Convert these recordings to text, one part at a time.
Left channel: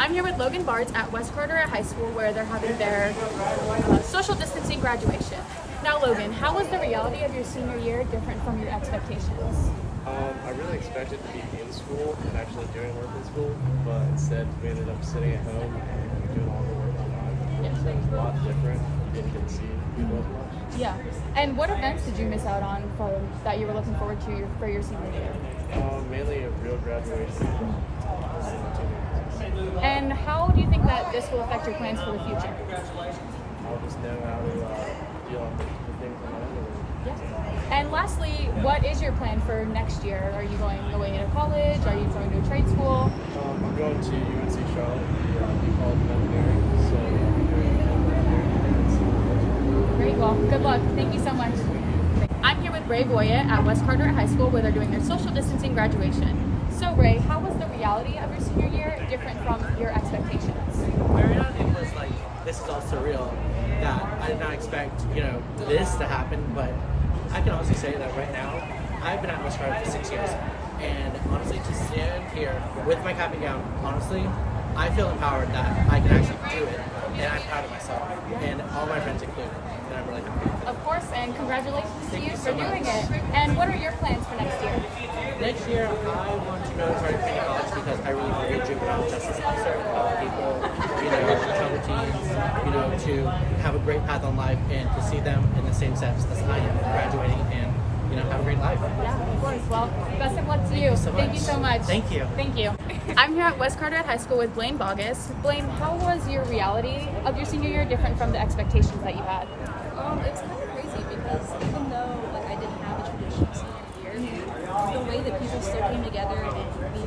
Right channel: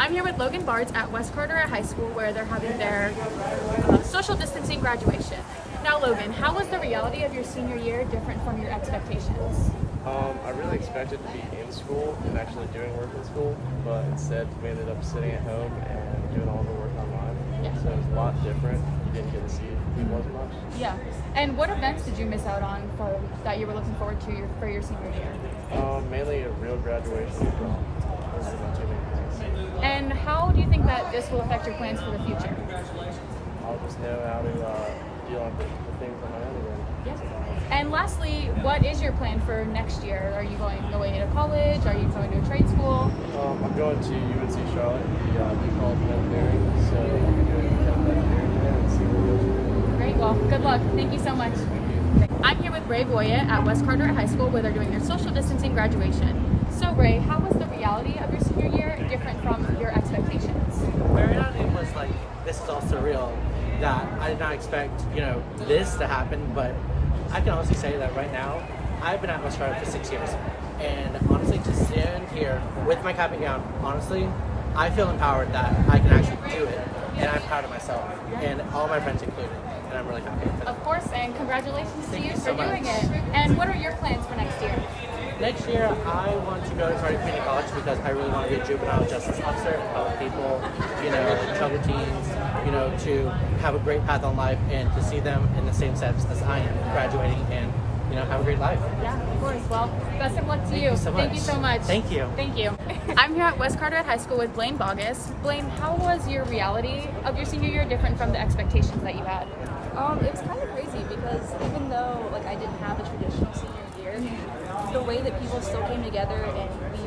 I'm here with Logan Barnes at West Carteret High School where they're having their social distancing graduation. Now Logan, how was the reality of your senior year different from your expectations? I really expected to be in school and actually doing work in school, but instead we ended up sitting at home and doing all the work online. Yeah. So it was a lot different. Didn't get to see people as much. Yeah. And what events did you miss out on that you were looking forward to for your senior year? Mainly a real graduation prom. Those are my two main things. And how do you think that this will affect your plans for the future? I'll just know how to deal with the things on my own again. Yeah. And lastly, what is your plan for next year? Are you going away to college? Are you going to a trade school? I'm going to UNC Charlotte, the College of Engineering, so I'll be doing engineering there and see where it goes. Great, well, good luck. Thank you so much. I'm here with Bray Oya at West Carteret High School where they're doing their social distancing graduation. So Ray, how was the reality of your senior year different from your expectations? My reality was like, this is all surreal, that I did not expect, this to happen, but I can honestly say that right now, I've been at West Carteret for 6 years, and honestly, to stand here with my cap and gown, honestly, I feel empowered that I can actually do it, and I'm proud of myself, and all my friends included, and I'm really happy. Of course, and congratulations to you for so doing much. it. And what are your plans for next year? Next year, I want to go to Carteret Community College because I really want to be a juvenile justice officer, help people, troubled teens, to have a great path on life and to see them in the same steps as I am, graduating and, have a great life. Yeah, of course. Well, best of luck to you. Thank you so much. Thank you. Thank you. I'm here at West Carteret High School with Blain Baugus. Blaine, how was your reality of your senior year different from the expectations that you had? It was kind of crazy because even though I didn't have a traditional senior year, the way that people still came together and we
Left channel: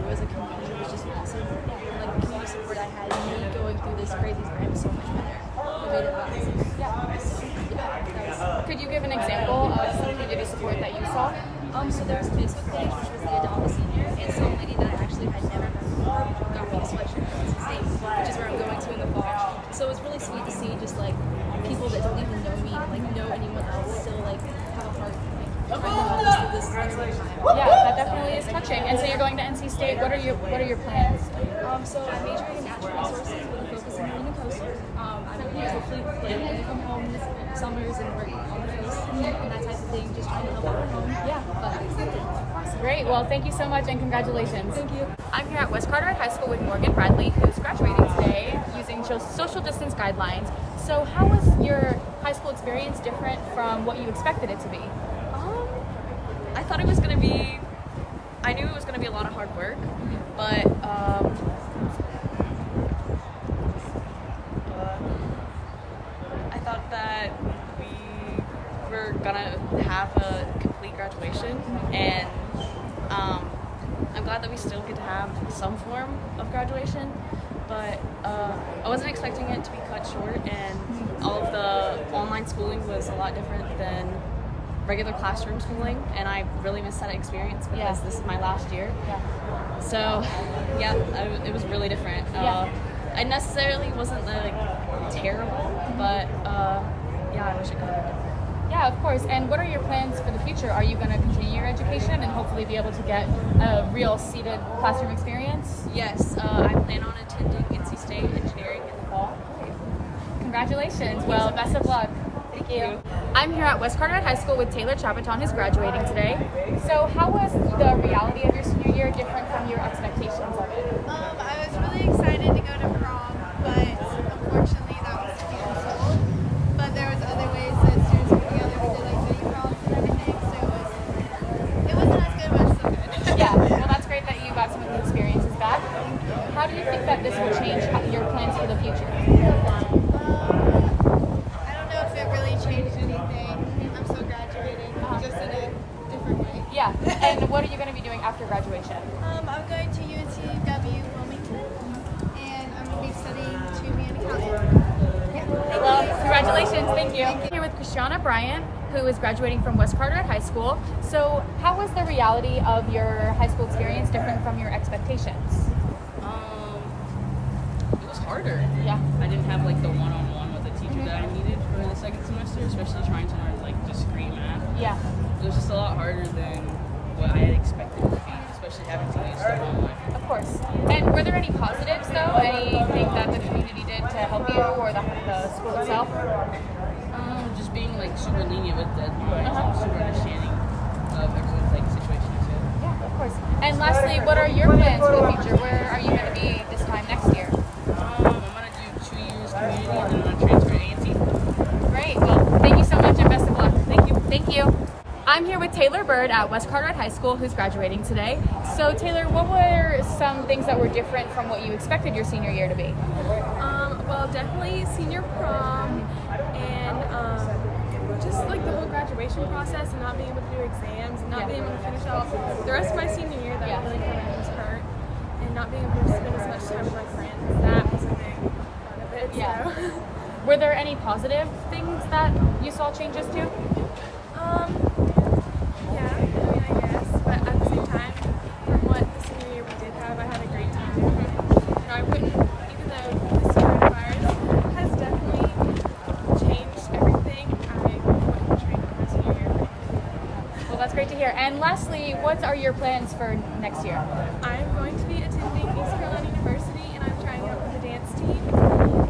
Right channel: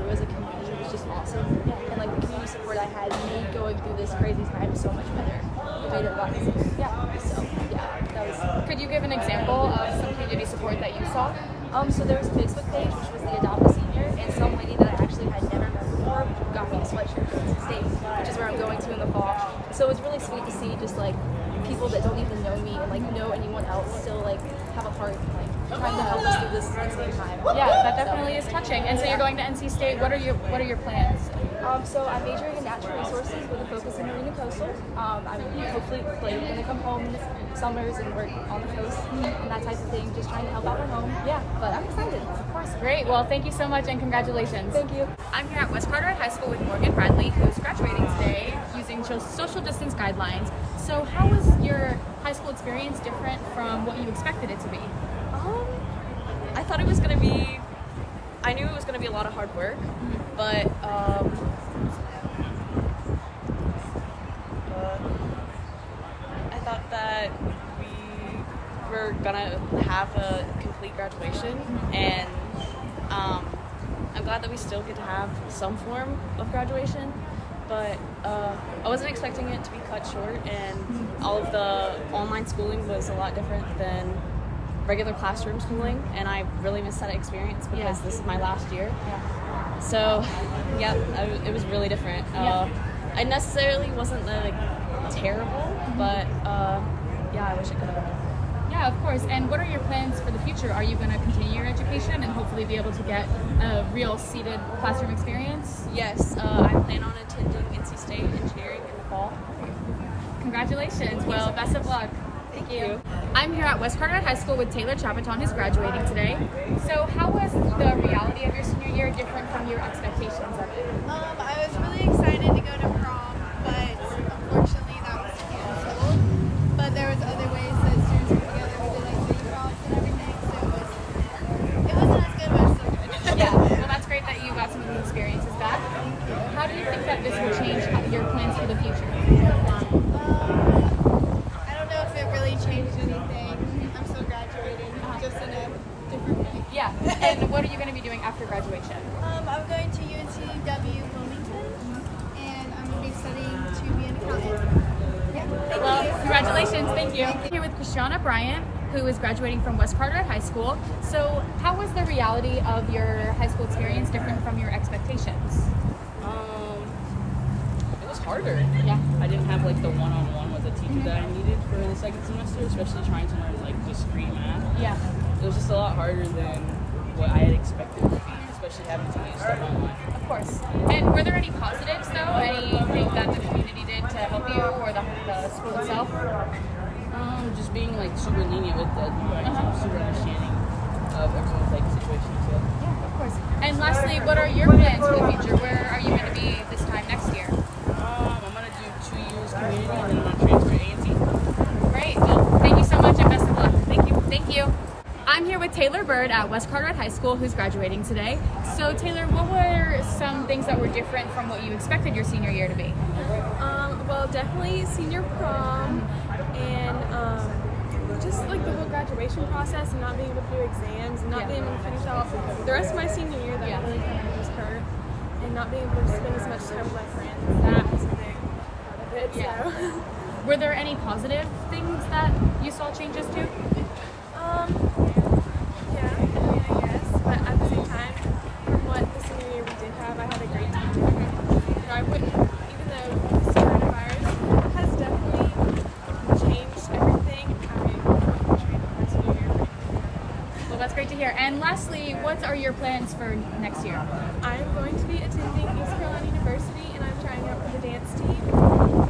grew as a community was just awesome. Yeah. And the community support I had made going through this crazy time so much better. It made it a lot easier. Yeah. So that was. Could you give an example of some community support that you saw? So there was a Facebook page which was the Adopt a Senior, and some lady that I actually had never met before got me a sweatshirt from NC State, which is where I'm going to in the fall. So it was really sweet to see just people that don't even know me and know anyone else still have a heart trying to help us through this insane time. Yeah, that definitely is touching. And so you're going to NC State. What are your plans? So I'm majoring in natural resources with a focus in marine and coastal. I'm hopefully going to come home this summers and work on the coast and that type of thing, just trying to help out at home. Yeah. But I'm excited. Of course. Great. Well, thank you so much and congratulations. Thank you. I'm here at West Carteret High School with Morgan Bradley, who's graduating today using social distance guidelines. So how was your high school experience different from what you expected it to be? I thought it was going to be, I knew it was going to be a lot of hard work, but I thought that we were going to have a complete graduation, and I'm glad that we still get to have some form of graduation, but I wasn't expecting it to be cut short, and all of the online schooling was a lot different than regular classroom schooling, and I really missed that experience because this is my last year. Yeah. So, it was really different. I necessarily wasn't terrible, but I wish it could have been different. Yeah, of course. And what are your plans for the future? Are you going to continue your education and hopefully be able to get a real seated classroom experience? Yes, I plan on attending NC State Engineering in the fall. Congratulations. Well, best of luck. Thank you. I'm here at West Carteret High School with Taylor Chapoton, who's graduating today. So how was the reality of your senior year different from your expectations of it? I was really excited to go to prom, but unfortunately that was canceled. But there was other ways that students put together. We did mini proms and everything, so it wasn't as good, but it's still good. Yeah, well that's great that you got some of the experiences back. Thank you. How do you think that this will change your plans for the future? I don't know if it really changed anything. I'm still graduating, just in a different way. Yeah, and what are you going to be doing after graduation? I'm going to UNCW Wilmington, and I'm going to be studying to be an accountant. Yeah, thank you. Congratulations, thank you. I'm here with Krisianna Bryant, who is graduating from West Carteret High School. So how was the reality of your high school experience different from your expectations? It was harder. Yeah. I didn't have the one-on-one with the teacher that I needed for the second semester, especially trying to learn discrete math. Yeah. It was just a lot harder than what I had expected it to be, especially having to use stuff online. Of course. And were there any positives though? Anything that the community did to help you or the school itself? Just being like super lenient with deadlines and super understanding of everyone's like situation as well. Yeah, of course. And lastly, what are your plans for the future? Where are you going to be this time next year? I'm gonna do 2 years community and then I'm gonna transfer to A&T. Great. Well, thank you so much and best of luck. Thank you. Thank you. I'm here with Taylor Byrd at West Carteret High School, who's graduating today. So Taylor, what were some things that were different from what you expected your senior year to be? Well, definitely senior prom and just like the whole graduation process and not being able to do exams and not being able to finish out the rest of my senior year. That really kind of just hurt, and not being able to spend as much time with my friends. That was a big part of it. Yeah. So. Were there any positive things that you saw changes to? Yeah, I mean, I guess, but at the same time, from what the senior year we did have, I had a great time. You know, I wouldn't, even though this coronavirus has definitely changed everything, I wouldn't trade out my senior year for anything. Well, that's great to hear. And lastly, what are your plans for next year? I am going to be attending East Carolina University, and I'm trying out for the dance team,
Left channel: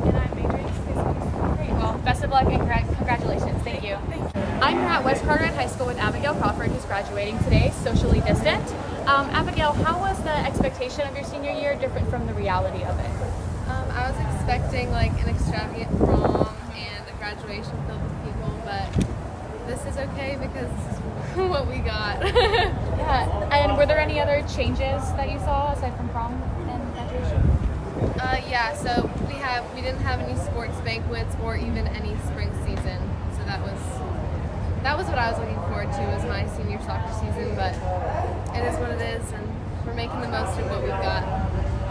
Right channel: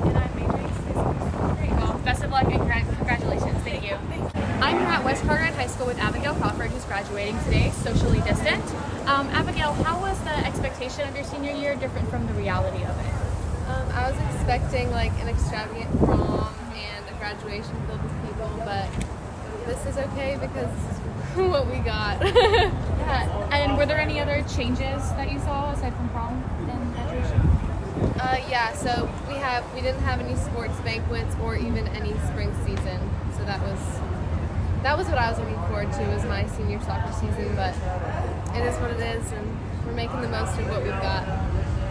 and I'm majoring in physics. Great. Well, best of luck and congratulations. Thank you. Thank you. I'm here at West Carteret High School with Abigail Crawford, who's graduating today, socially distant. Abigail, how was the expectation of your senior year different from the reality of it? I was expecting like an extravagant prom and a graduation filled with people, but this is okay because this is what we got. Yeah, and were there any other changes that you saw aside from prom and graduation? Yeah, so we didn't have any sports banquets or even any spring season, so that was what I was looking forward to, was my senior soccer season, but it is what it is, and we're making the most of what we've got.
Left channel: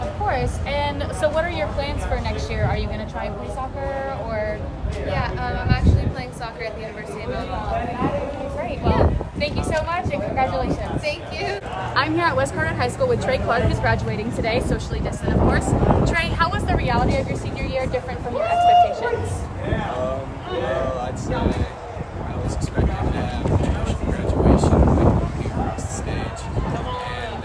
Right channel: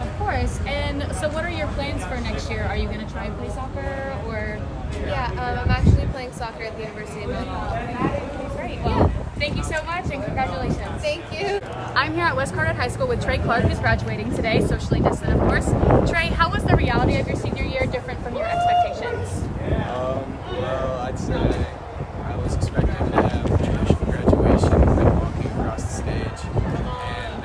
Of course. And so what are your plans for next year? Are you going to try and play soccer or? Yeah, I'm actually playing soccer at the University of Mount Olive. Great. Well, thank you so much and congratulations. Thank you. I'm here at West Carteret High School with Trey Clarke, who's graduating today, socially distant, of course. Trey, how was the reality of your senior year different from your expectations? Well, I'd say I was expecting to have a traditional graduation, like walking across the stage, and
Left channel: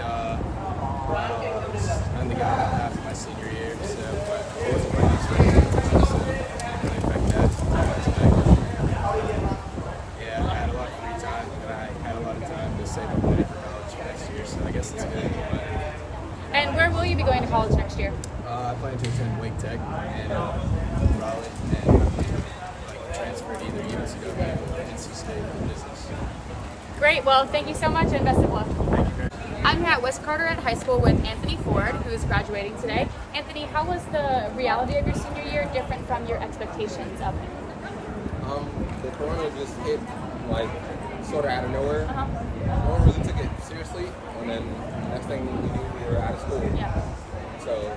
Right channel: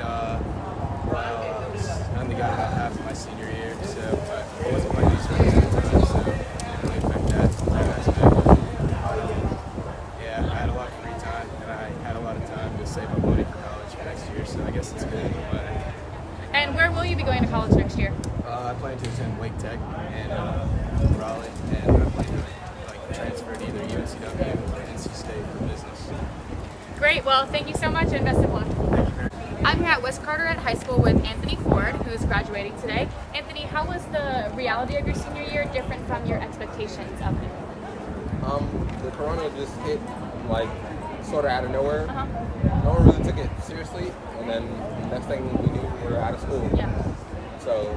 I'm the guy about half of my senior year, so but I wasn't playing these things, so it didn't really affect that aspect. Yeah, I had a lot of free time, and I had a lot of time to save up money for college for next year, so I guess it's good in a way. And where will you be going to college next year? I plan to attend Wake Tech and Raleigh, and I plan to transfer to either UNCW or NC State for business. Great. Well, thank you so much and best of luck. Thank you very much. I'm here at West Carteret High School with Anthony Ford, who's graduating today. Anthony, how was the reality of your senior year different from your expectations of it? The corona just hit like sort of out of nowhere. Uh-huh. No one really took it seriously, and then next thing we knew, we were out of school. Yeah. So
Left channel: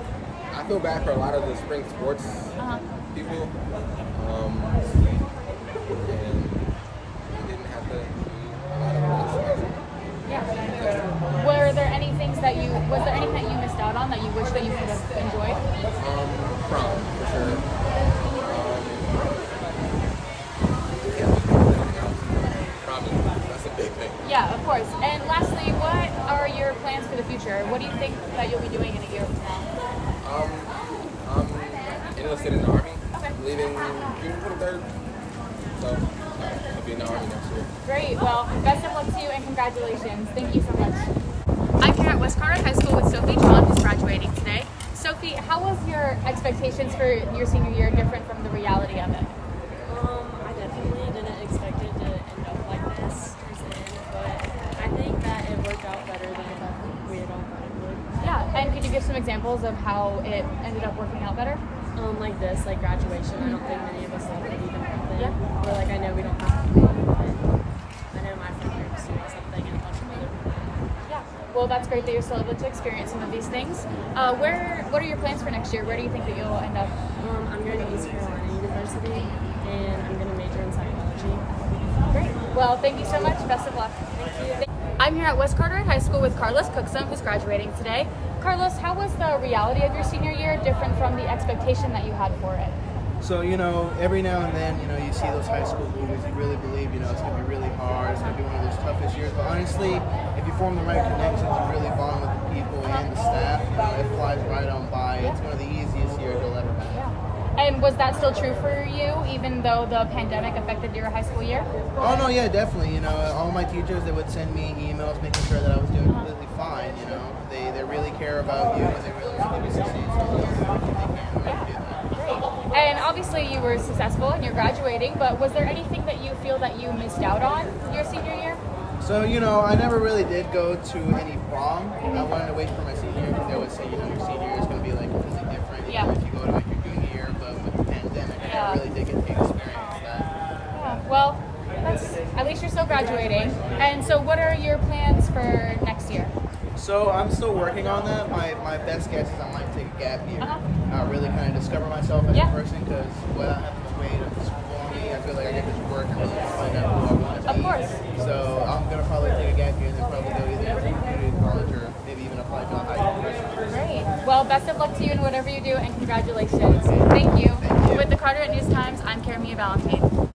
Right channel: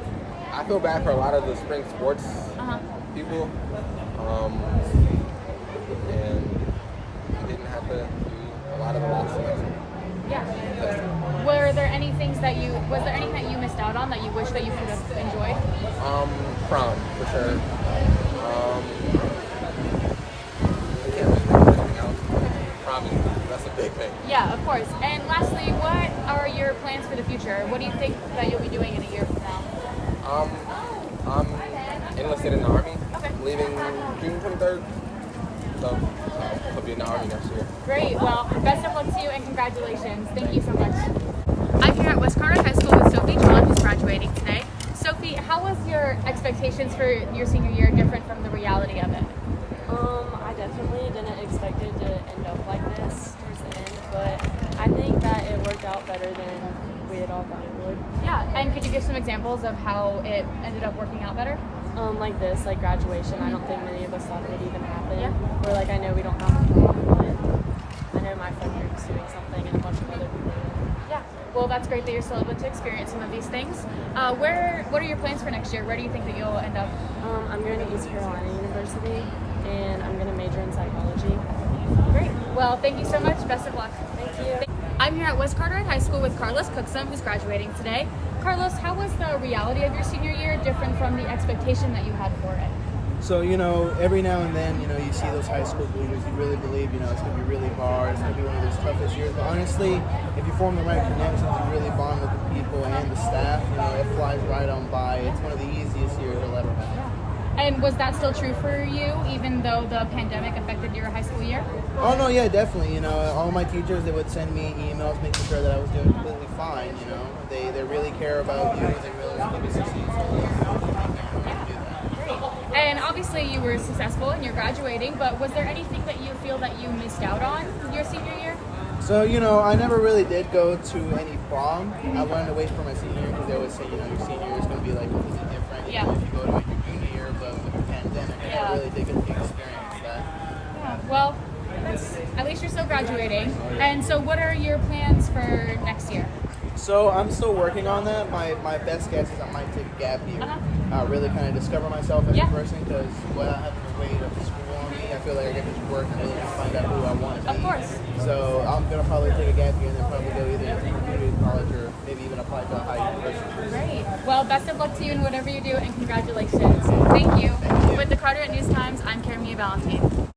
I feel bad for a lot of the spring sports people, and we didn't have to do a lot of the last semester. Yeah. Was there anything that you missed out on that you wish that you could have enjoyed? Prom, for sure. Prom, that's a big thing. Yeah, of course. And lastly, what are your plans for the future? What do you think that you'll be doing in a year from now? I'm enlisted in the Army. Okay. Leaving June 23rd. So I'll be in the Army next year. Great. Well, best of luck to you and congratulations. Thank you so much. I'm here at West Carteret High School with Sophie, who's graduating today. Sophie, how was your expectations for your senior year different from the reality of it? I definitely didn't expect it to end up like this towards the end, but I think that it worked out better than we had all thought it would. Yeah, and could you give some examples of how it ended up working out better? Like this, like graduation, I don't think many of us thought it would even happen. Yeah. Or like I know we don't have to prom, but I know my friend was doing something and a bunch of other people. Yeah. Well, that's great that you're still able to experience some of these things. What are your plans for next year? Where do you think that you'll end up? I'm going to East Carolina University, and I'm going to major in psychology. Great. Well, thank you so much. Best of luck. Thank you. I'm here at West Carteret High School with Carlos Cuxim, who's graduating today. Carlos, how was the reality of your senior year different from the expectation that you had for it? So, every now and then, you see those high school movies, you really believe, it's going to be really hard, it's going to be one of those toughest years. But honestly, if you form the right connections, you really bond with the people and the staff, it flies right on by. It's one of the easiest years you'll ever have. Yeah. And was that still true for you, even though the pandemic affected your high school year? Oh, no, yeah, definitely. All my teachers, they would send me emails making sure that I was doing completely fine, They really care about you, and they really want you to succeed, so they'll do everything they can in order to do that. Great. And obviously you were successful and you're graduating, but was there anything that you feel that you missed out on your senior year? So, I never really did go to any prom. I wanted to wait for my senior year because they always say, your senior year is going to be like completely different if you go to it your junior year, but with the pandemic, I never really did get to experience that. Yeah, well, at least you're still graduating. Oh, yeah. And so what are your plans for next year? So I'm still working on that. My best guess is I might take a gap year. Really kind of discover myself as a person, because without having to wait up to school on me, I feel like I can just work and really just find out who I want to be. Of course. So I'm going to probably take a gap year and then probably go either into community college or maybe even apply to a higher university. Great. Well, best of luck to you in whatever you do, and congratulations. Thank you. Thank you. With the Carteret News-Times, I'm Caramia Valentin.